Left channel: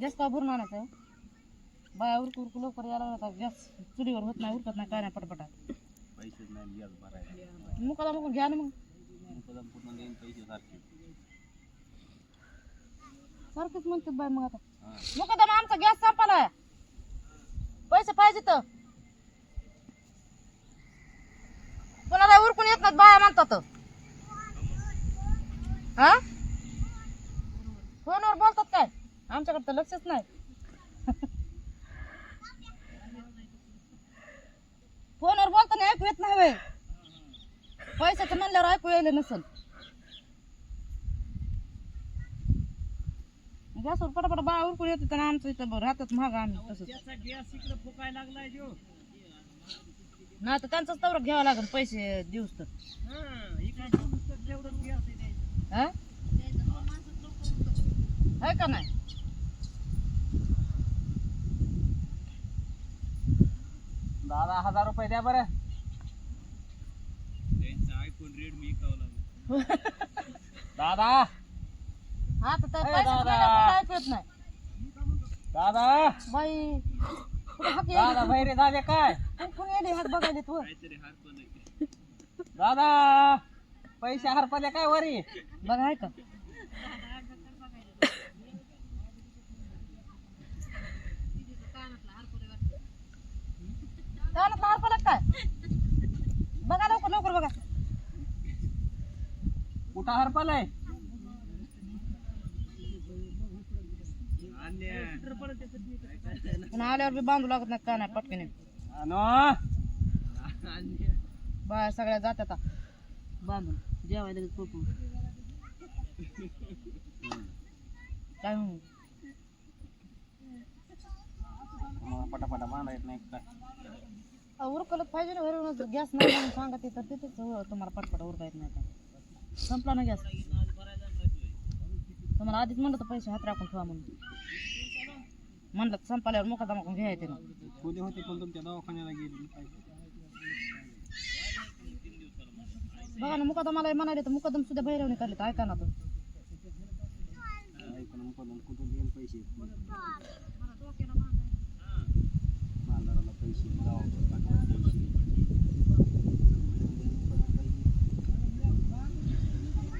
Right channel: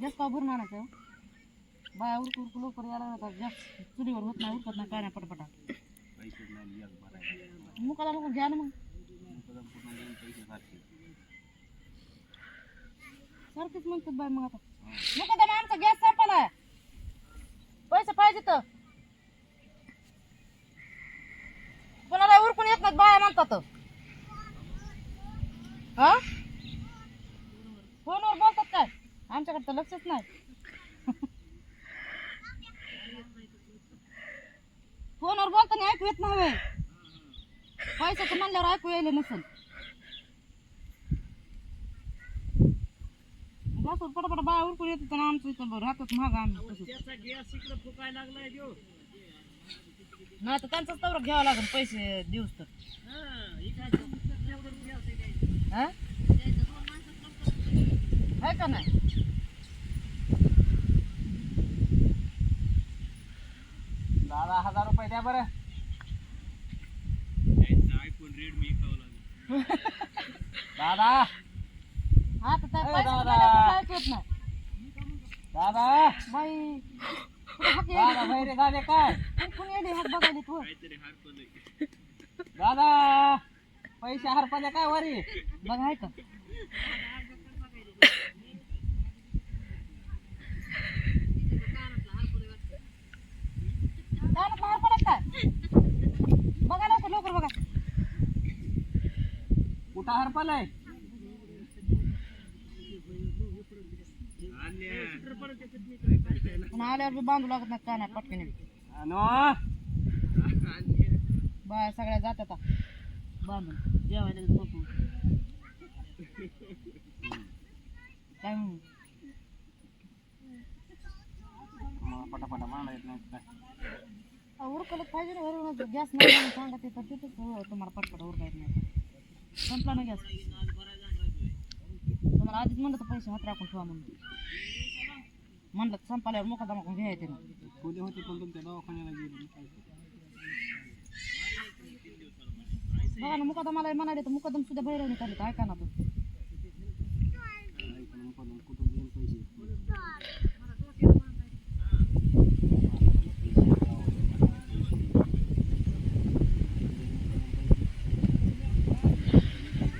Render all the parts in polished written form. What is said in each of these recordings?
Gas का भरून आणायचं बाया उरकू उरकू लवकर यायला लागला गॅस चुलीवर होत नाही उरकत नाही काय नाही पटपटा पैसे नाही गॅस भरायला मुकाला मग घ्या ना मग मुकदम पूर्ण देऊन पैसे सारखे सारखेच म्हणतात बाय मग आता मुकदम आमचा गॅस संपलाय पैसे पाहिजे तर कोणाला उरकून येत नाहीत बाया म्हणतात हा फोनवर बोलतात काय आमच्याकडे तर लक्षच नाही फोनवर बोलताना ऐकू येत नाही पैशाचं म्हणल्यावर ऐकू यायला नसेल गॅसवर पटापट बाया उरकून येते तर आमचं इथं राहतात महाग आम्ही तसंच नाही तर त्यांचाच तवर घ्यावं लागेल पैसे दिवस तर हा आहे का नाही दादा 1000 रुपये द्या बरं दादा हा तर त्या पैशाचं म्हणल्यावर ऐकू येत नाही दादा बाई कुठं हाक दादा यायली बहिरे झाले काय कोण यायली हाक बघायली तू दादा पैसे हरपले काय वरी बघा आहे का कानात मार पडत काय बघा लवकर लवकर बघा कुठं हरपलंय पुन्हा आल्यावर बी बांधू लागत नाही काय नाही पटकन बाया सगळ्या जात्यात बांधून जेवायला लगेच झोपून काय म्हणू पटापटा मांडा येत नाही काय उरकलच पाहिजे ना घरी गॅस नाही म्हणून सांगा ते तर तिथेच तुम्हाला पटपटा उरका येत नाही संपला ना गॅस तुम्हाला आधीच म्हणलं तर पैसे हात राखून ठेवा म्हणून म्हणलं संपाल्यावर मुकादमा करून घ्या येते ना खोली होते पण तुमच्या दवाखान्याला गेली बघा ना मुकादमाला म्हणाले तर मुकादम सुद्धा भैरवणी काढले तर ऐका ना तर मुकदम कुठून देऊन पैसे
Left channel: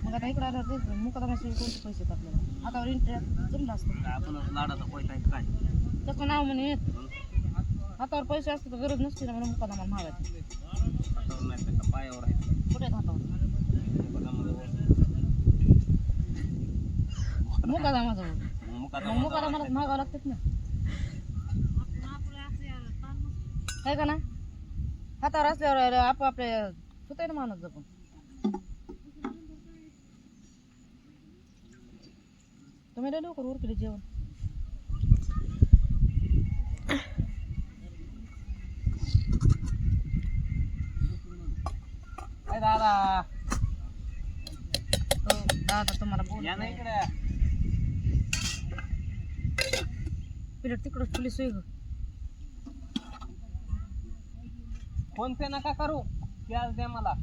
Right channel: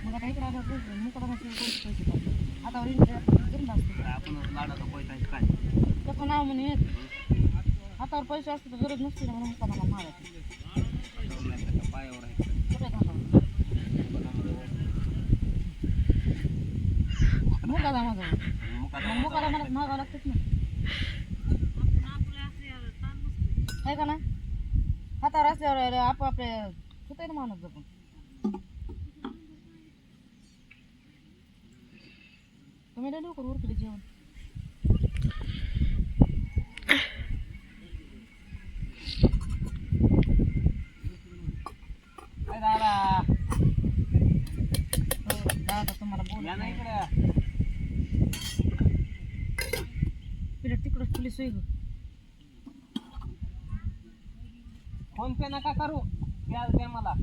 मग आता इकडे आल्यावर मुकादमाशिवाय कोणते पैसे टाकले हातावर जमलं असतं आपण लाडाचा पैसा आहे काय त्याचं नाव म्हणे येत हातावर पैसे असते तर गरज नसते ना म्हणून मुकादमा मागायचं हातावर नाही त्याच्या पायावर आहे कुठे हातावर मुकादमाजवळ मग मुकादमालाच मागावं लागतात ना आहे का ना हातावर असल्यावर आपापल्या सुताय ना माणूस जपून तुम्ही लय लवकर उरकले जेवण दादा हो दादा तुम्हाला बोल या ना इकडे पिलट तिकडं पोलीस होई ग फोन पे नका करू कॅश द्या मला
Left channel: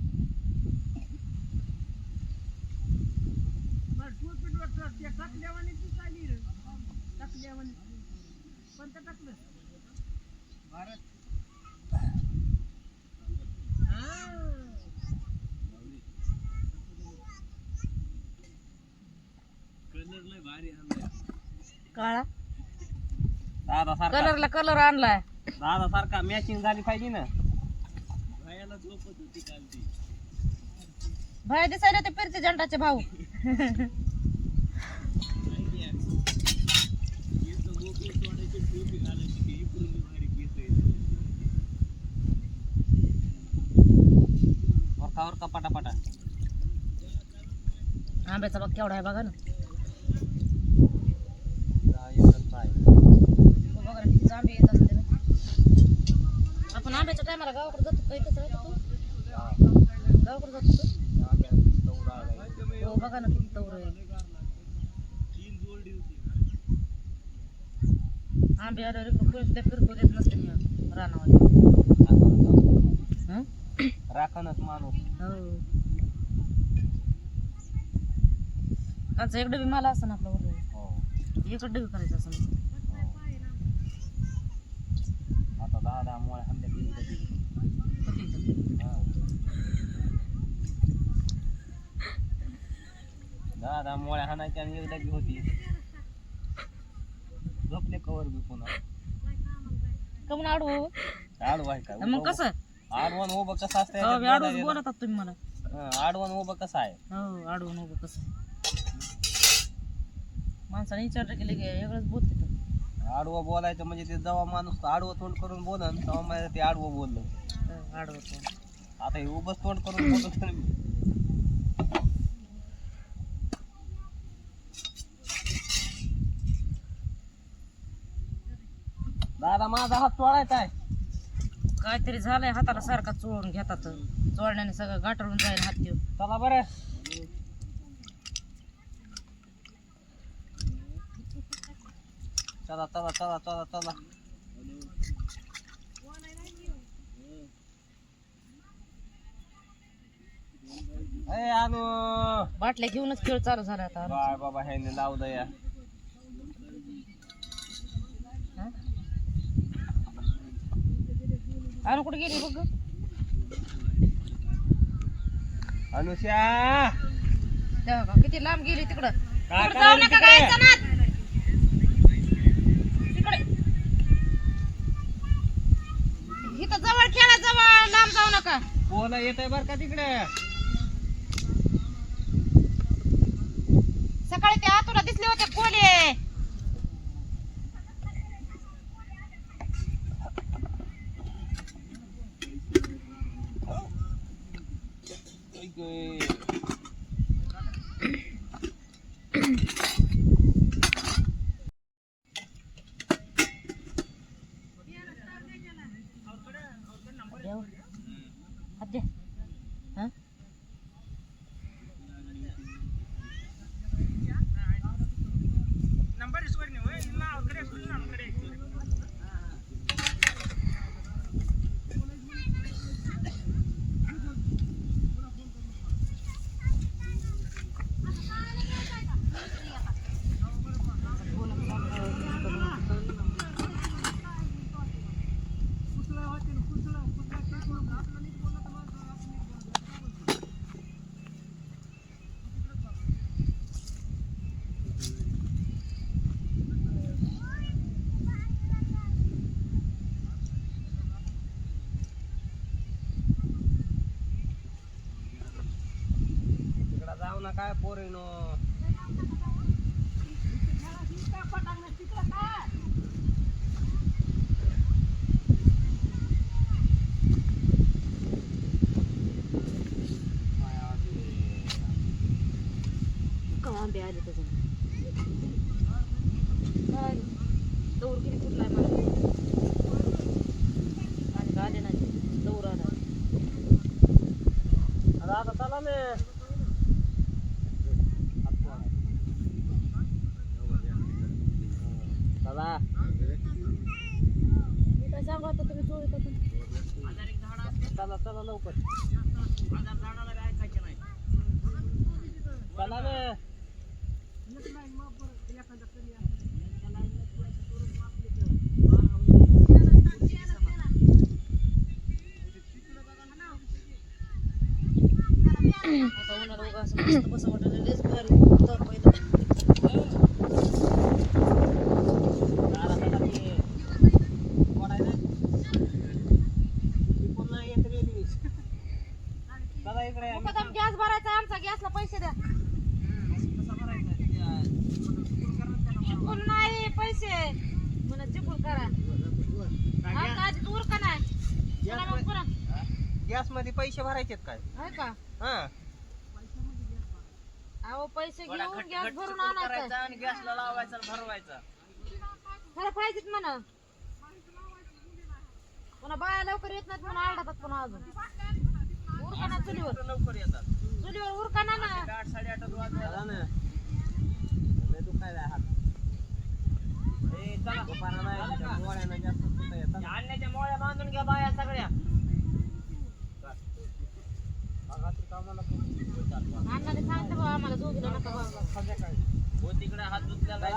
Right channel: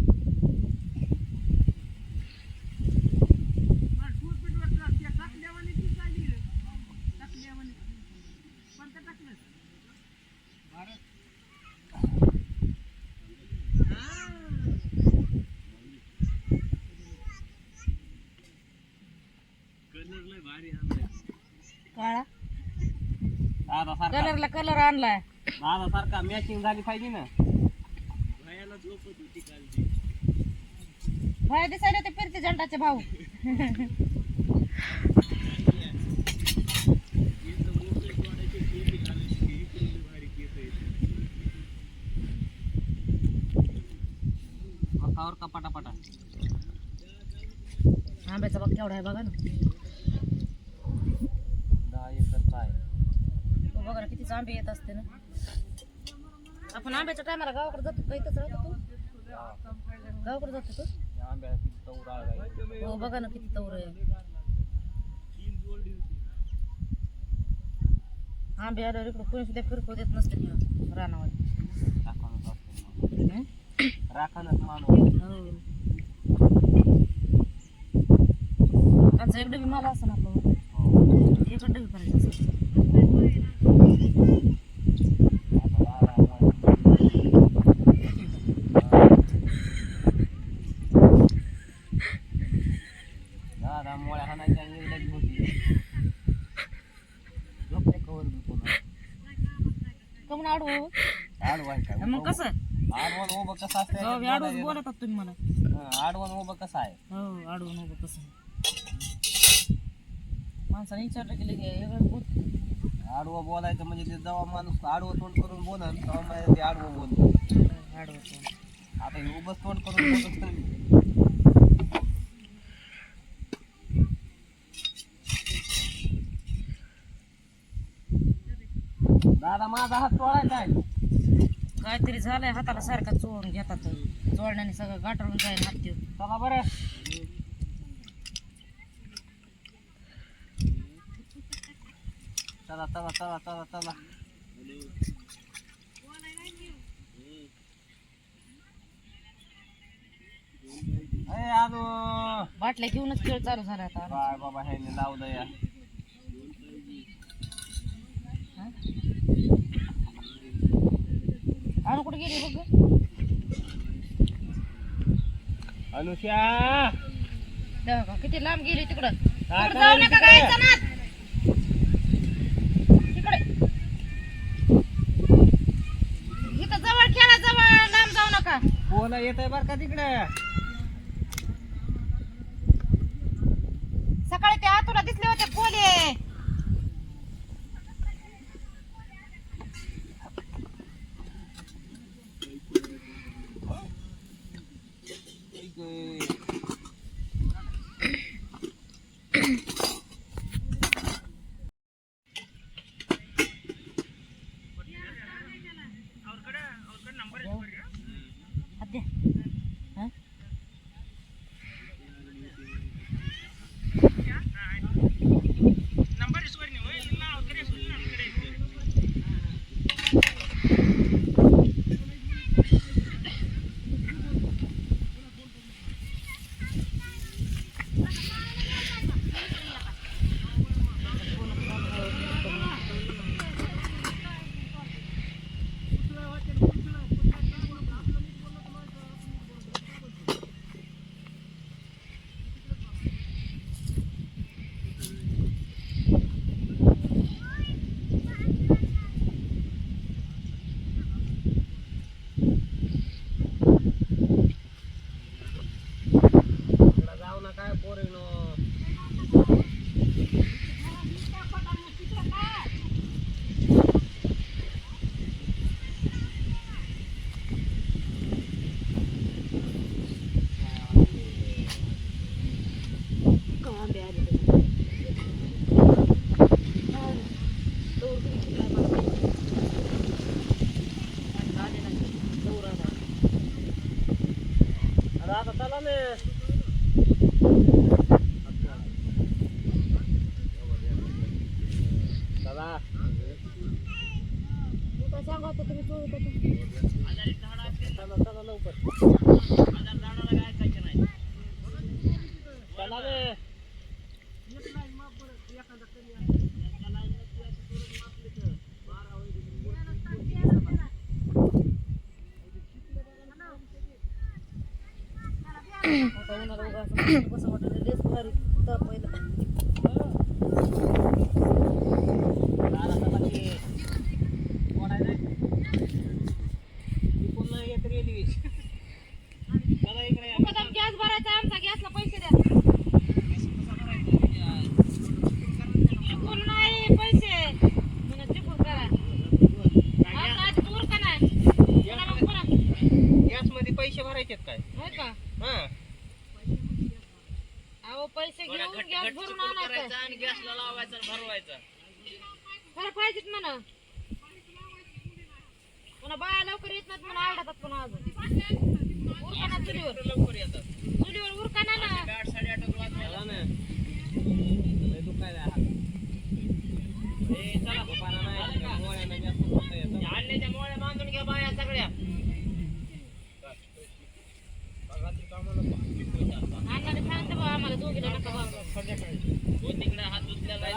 काळा दादा सारखा कलरला कलर आणलाय दादा सारखा मॅचिंग झाली पाहिजे ना बाहेर दिसायला ते फिरते झंडाचे भाऊ वरका पटापटा आंब्याचा बाग केवढा आहे बघा ना बघा ना किती आंबे येत असते ना आपण आंब्याच्या टायमाला गावाकडे जातो काही तसं राहतो गावाकडे जातो हो बघा ना किती तवर आहे आंबे आल्यावर इकडं कोणी सुद्धा फिरकू देत नसते मग रानावर राखणच मानव हो कालचा एक डबी मला असं ना आपलं एक आमचं डग करायचं असं. आता दादा दादा मोळ्या हाणायच्या आणि एकदा बी होती झोपले कवर बी पुन्हा कमून आडवं आडवा आहे काय मग कसं आडवण उभं कसं असतं आडवं बोलतात तुम्ही मला. आडवण उभं कसं आहे हो आडवं उभं कसं माणसाने विचारलं की लगे वेगळंच बोलते. आडवं बोलायचं म्हणजे ते जेव्हा माणूस आडवं तोंड करून बोलन तेव्हा मला ते आडवं बोलतो. आडवं तोंड आता हे उभंच तोंड करून बोलतो मी. दादा माझा हात चोळायचा आहे. काहीतरी झालंय हाताला सारखा चोळून घेतात. चोळण्याने सगळं गाठळून जाईल हात देऊन. चला बरं चला चला चला चला चला ए आणू बाटल्या घेऊनच खेळ चालू झाला आता. काय बाबा हे लावू दया हा? आणू कुठे गेली बघ. अनुष्या किती लांब गेली तिकडं. काय तिकडं जाऊ करायली नका तिकडे? गायचं ना. तिकडे इथं जवळ खेळा जवळ लांब जाऊ नका. कोण येतंय बर का तिकडे सकाळी ते आतुला दिसले होते कोले. जाऊ ना काय पोरीनो आंबे आले आता चला ना चला काय सांगा आता तुम्ही चोळीत होता. चला चला लवकर चला ना आता उन्हाळा उगा असं मस्त बसा वाटलं लयच भारी तापायला. चला चला ये कोणाला ती पुन्हा येत रेल्वे चला इकडे या. मुकादम गॅस भरायचा आमचा गॅसला पैसे द्या. चिपळूण नाही पैसे म्हणून चिपळूण करा. आमचा आधी दूर का नाही पुन्हा मग पुन्हा गॅस मध्ये पैसे भरायचे काय होय का. हा अहो पैसे घेऊन गॅस भरून आणायचा आणि गॅसला लावायचा भरवायचा खरं पाहिजेत म्हणा. पुन्हा बाया लवकर येत नाहीत म्हणून आरडातात पुन्हा अजून. उरकाना चुलीवर लवकर येतात चुलीवर उरकाना ना. 8-8:30 वाजता ना लय दुखायला हात ए चला दुपारा नाही मोळ्यानं जास्त होत आहे. आणण्याच्या मोळ्या बांधून घ्या बाया सगळ्या बघात्री कामाला अण्णाने सांगते बा आम्हाला दोघीला नका बा. संध्याकाळी हो तिकडे हात धुतलेला